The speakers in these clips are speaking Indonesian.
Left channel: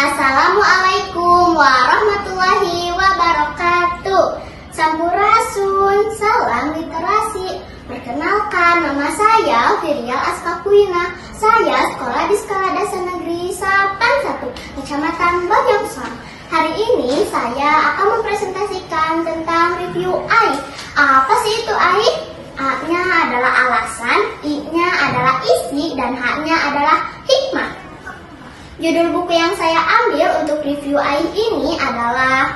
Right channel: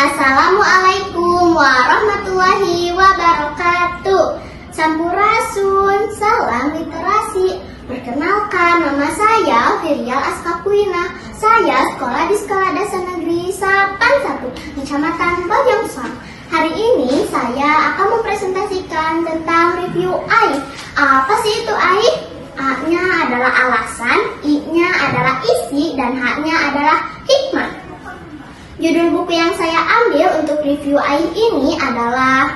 Assalamualaikum warahmatullahi wabarakatuh. Sampurasun, salam literasi. Perkenalkan, nama saya Firial Askapuina. Saya sekolah di Sekolah Dasar Negeri Sapan 1, Kecamatan Bojongsoang. Hari ini saya akan mempresentasikan tentang review AIK. Apa sih itu AIK? A-nya adalah alasan, I-nya adalah isi, dan H-nya adalah hikmah. Judul buku yang saya ambil untuk review AIK ini adalah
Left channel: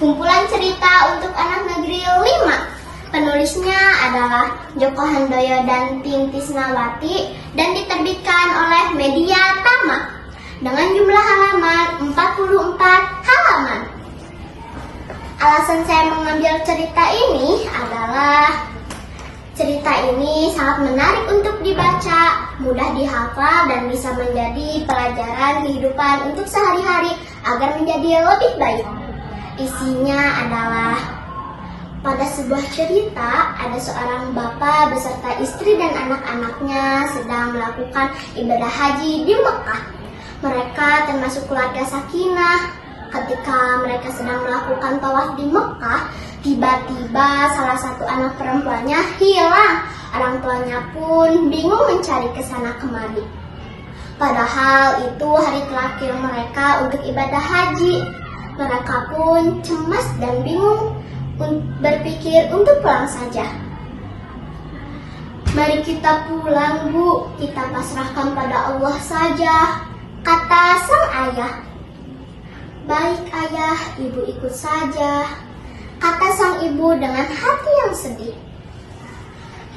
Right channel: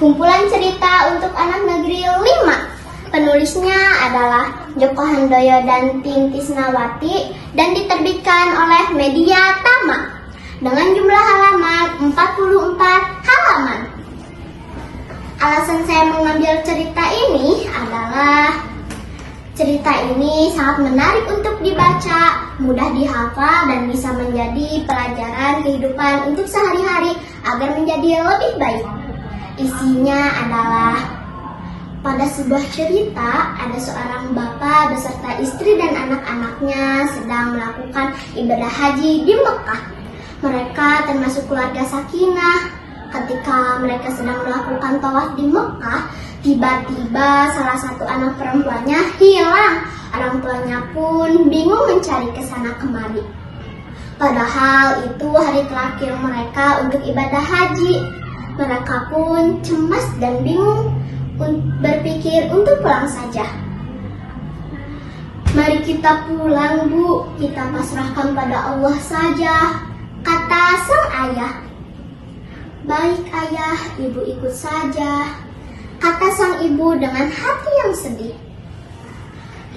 Kumpulan Cerita untuk Anak Negeri 5. Penulisnya adalah Joko Handoyo dan Tin Tisnawati dan diterbitkan oleh Media Tama dengan jumlah halaman 44 halaman. Alasan saya mengambil cerita ini adalah cerita ini sangat menarik untuk dibaca, mudah dihafal, dan bisa menjadi pelajaran kehidupan untuk sehari-hari agar menjadi lebih baik. Isinya adalah, pada sebuah cerita, ada seorang bapak beserta istri dan anak-anaknya sedang melakukan ibadah haji di Mekah. Mereka termasuk keluarga sakinah. Ketika mereka sedang melakukan tawaf di Mekah, tiba-tiba salah satu anak perempuannya hilang. Orang tuanya pun bingung mencari ke sana kemari. Padahal itu hari terakhir mereka untuk ibadah haji. Mereka pun cemas dan bingung, berpikir untuk pulang saja. Mari kita pulang, Bu. Kita pasrahkan pada Allah saja, kata sang ayah. Baik ayah, ibu ikut saja, kata sang ibu dengan hati yang sedih.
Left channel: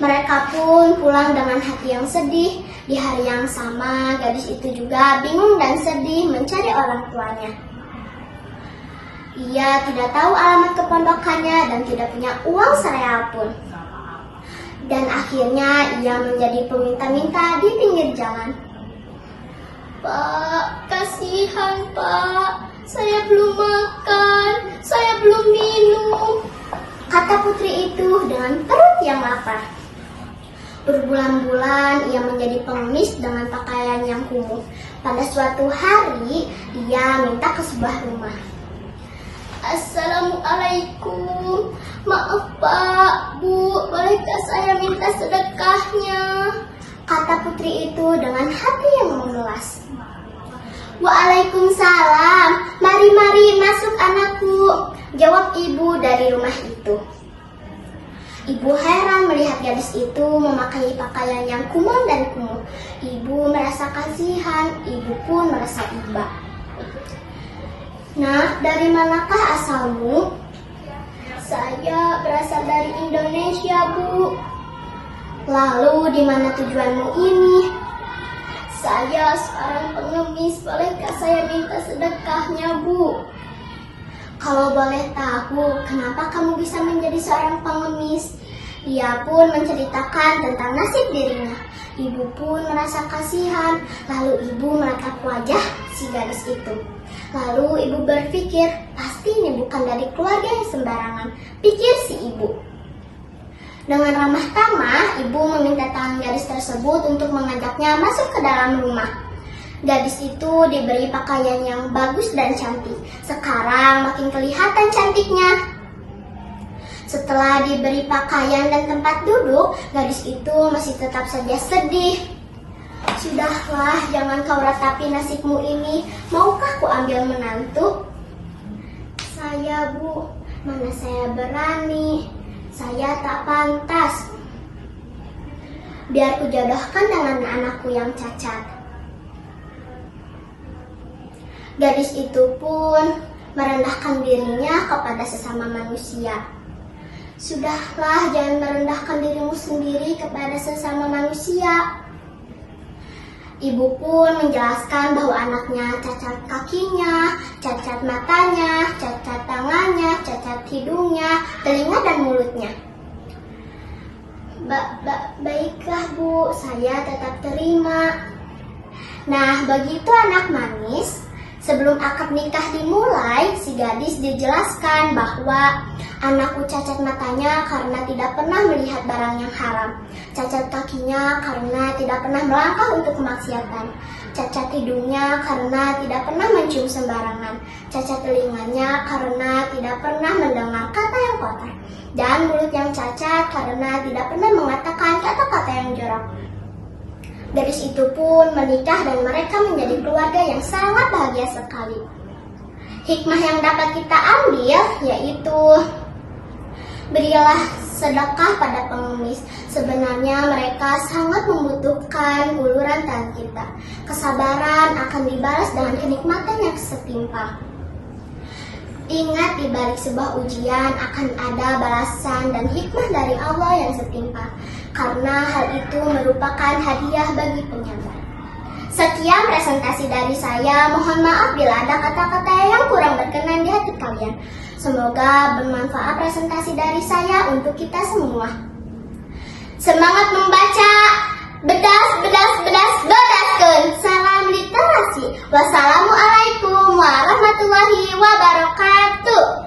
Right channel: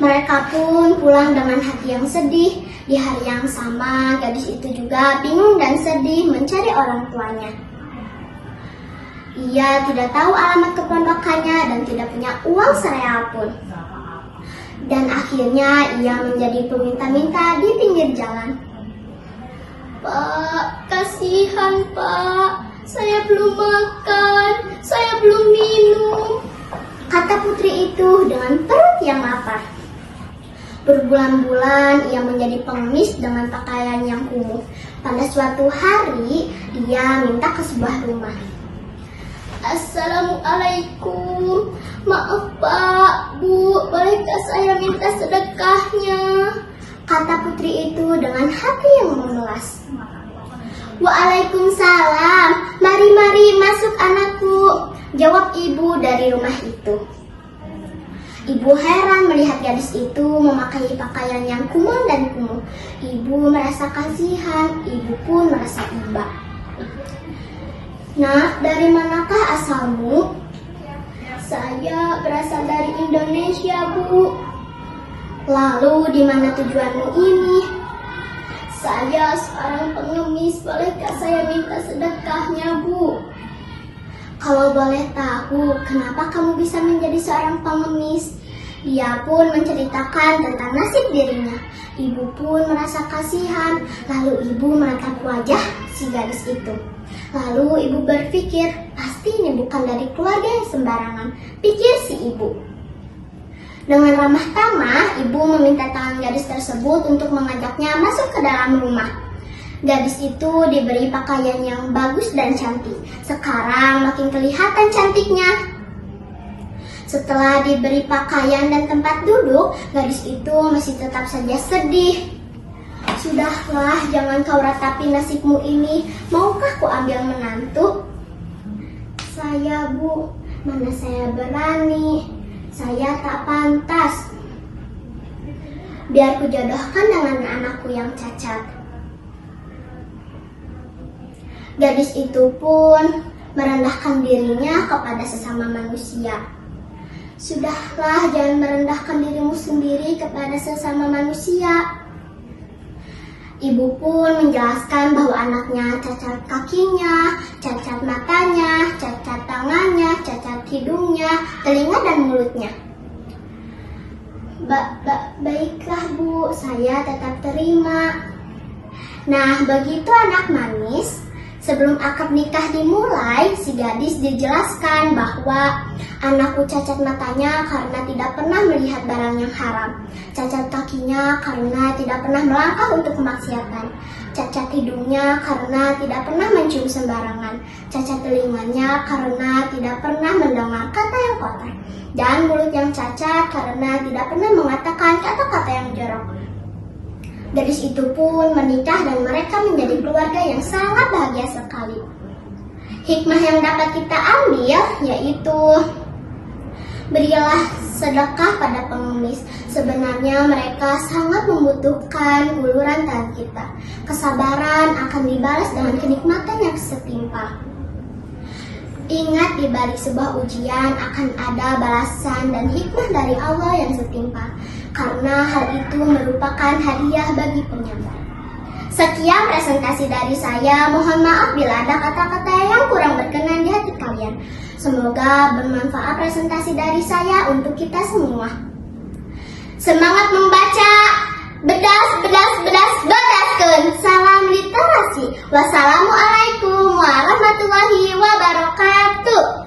Mereka pun pulang dengan hati yang sedih. Di hari yang sama, gadis itu juga bingung dan sedih mencari orang tuanya. Ia tidak tahu alamat kepondokannya dan tidak punya uang sereal pun. Dan akhirnya ia menjadi peminta-minta di pinggir jalan. Pak, kasihan Pak. Saya belum makan, saya belum minum, kata putri itu dengan perut yang lapar. Berbulan-bulan ia menjadi pengemis dengan pakaian yang kumuh. Pada suatu hari ia minta ke sebuah rumah. Assalamualaikum, maaf Pak, Bu, bolehkah saya minta sedekahnya? Kata putri itu dengan hati yang memelas. Waalaikumsalam, mari masuk anakku, jawab ibu dari rumah itu. Ibu heran melihat gadis itu memakai pakaian yang kumal dan kumuh. Ibu merasa kasihan, ibu pun merasa iba. Nak, dari manakah asalmu? Saya berasal dari Indonesia, Bu. Lalu di mana tujuanmu ini? Saya seorang pengemis, bolehkah saya minta sedekahnya, Bu? Kalau boleh tahu, kenapa kamu bisa menjadi seorang pengemis? Ia pun menceritakan tentang nasib dirinya. Ibu pun merasa kasihan, lalu ibu menatap wajah si gadis itu. Lalu ibu berpikir, pasti ini bukan dari keluarga yang sembarangan, pikir si ibu. Dengan ramah tamah, ibu meminta tangan gadis tersebut untuk mengajaknya masuk ke dalam rumah. Gadis itu diberi pakaian yang bagus dan cantik. Sekarang makin kelihatan cantiknya. Setelah diberi pakaian dan tempat duduk, gadis itu masih tetap saja sedih. Sudahlah, jangan kau ratapi nasibmu ini. Maukah ku ambil menantu? Saya, Bu, mana saya berani. Saya tak pantas. Biar kujodohkan dengan anakku yang cacat. Gadis itu pun merendahkan dirinya kepada sesama manusia. Sudahlah, jangan merendahkan dirimu sendiri kepada sesama manusia. Ibu pun menjelaskan bahwa anaknya cacat kakinya, cacat matanya, cacat tangannya, cacat hidungnya, telinga dan mulutnya. Baiklah Bu, saya tetap terima. Nah, begitu anak manis. Sebelum akad nikah dimulai, si gadis dijelaskan bahwa anakku cacat matanya karena tidak pernah melihat barang yang haram, cacat kakinya karena tidak pernah melangkah untuk kemaksiatan, cacat hidungnya karena tidak pernah mencium sembarangan, cacat telinganya karena tidak pernah mendengar kata yang kotor, dan mulut yang cacat karena tidak pernah mengatakan kata-kata yang jorok. Gadis itu pun menikah dan mereka menjadi keluarga yang sangat bahagia sekali. Hikmah yang dapat kita ambil yaitu berilah sedekah pada pengemis. Sebenarnya mereka sangat membutuhkan uluran tangan kita. Kesabaran akan dibalas dengan kenikmatan yang setimpal. Ingat, di balik sebuah ujian akan ada balasan dan hikmah dari Allah yang setimpal, karena hal itu merupakan hadiah bagi penyabar. Sekian presentasi dari saya. Mohon maaf bila ada kata-kata yang kurang berkenan di hati kalian. Semoga bermanfaat presentasi dari saya untuk kita semua. Semangat membaca, bedaskeun. Salam literasi. Wassalamualaikum warahmatullahi wabarakatuh.